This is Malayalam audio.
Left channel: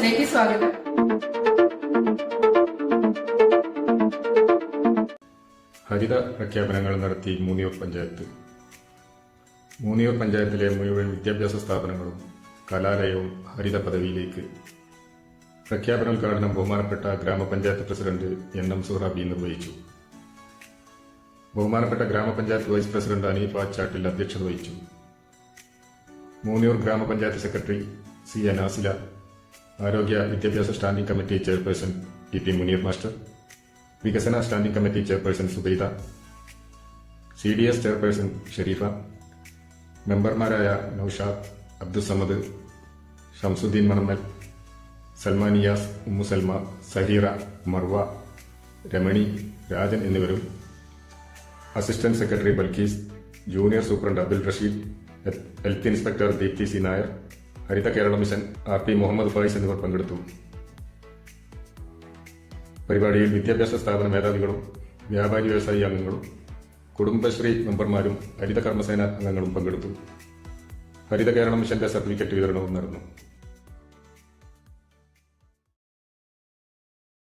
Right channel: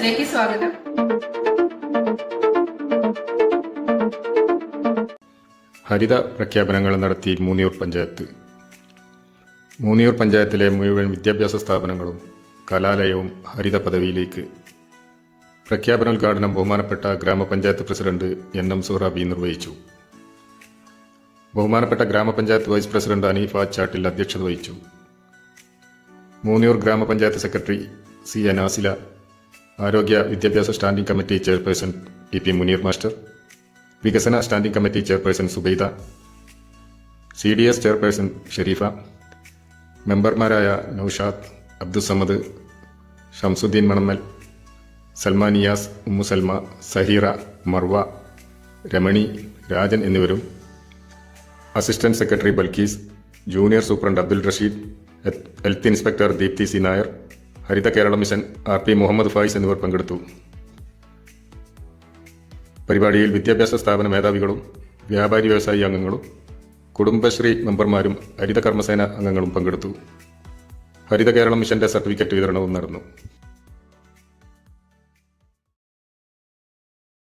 ന്യൂസിലേക്ക് സ്വാഗതം. ഹരിത പ്രഖ്യാപനങ്ങൾ നടത്തി മൂന്നിയൂർ പഞ്ചായത്ത്. മൂന്നിയൂർ പഞ്ചായത്തിലെ മുഴുവൻ വിദ്യാഭ്യാസ സ്ഥാപനങ്ങളും കലാലയവും ഹരിത പദവിയിലേക്ക്. പ്രഖ്യാപനോദ്ഘാടനം ബഹുമാനപ്പെട്ട ഗ്രാമപഞ്ചായത്ത് പ്രസിഡന്റ് NM സുഹ്റാബി നിർവഹിച്ചു. ബഹുമാനപ്പെട്ട ഗ്രാമപഞ്ചായത്ത് വൈസ് പ്രസിഡന്റ് അനീഫ ചാട്ടിൽ അധ്യക്ഷത വഹിച്ചു. മൂന്നിയൂർ ഗ്രാമപഞ്ചായത്ത് സെക്രട്ടറി C. നാസില, ആരോഗ്യ വിദ്യാഭ്യാസ standing committee chairperson PP Muneer master, വികസന standing committee chairperson Subaida, CDS chairperson Sharifa, മെമ്പർമാരായ നൌഷാദ്, അബ്ദുസമദ്, ഷംസുദ്ദീൻ മണമ്മൽ, സൽമാനിയാസ്, ഉമ്മു സൽമ, സഹീറ, മർവ, രമണി, രാജൻ എന്നിവരും assistant secretary Balkees, junior superintendent Abdul Rasheed, health inspector Deepthi C. Nair, Haritha Kerala mission RP Muhammad Fayis എന്നിവർ പങ്കെടുത്തു. പരിപാടിയിൽ വിദ്യാഭ്യാസ സ്ഥാപന മേധാവികളും വ്യാപാരി വ്യവസായി അംഗങ്ങളും കുടുംബശ്രീ മെമ്പർമാരും ഹരിത കർമ്മസേന അംഗങ്ങളും പങ്കെടുത്തു. ഹരിത കേരള മിഷന്റെ സർട്ടിഫിക്കറ്റ് വിതരണവും നടന്നു.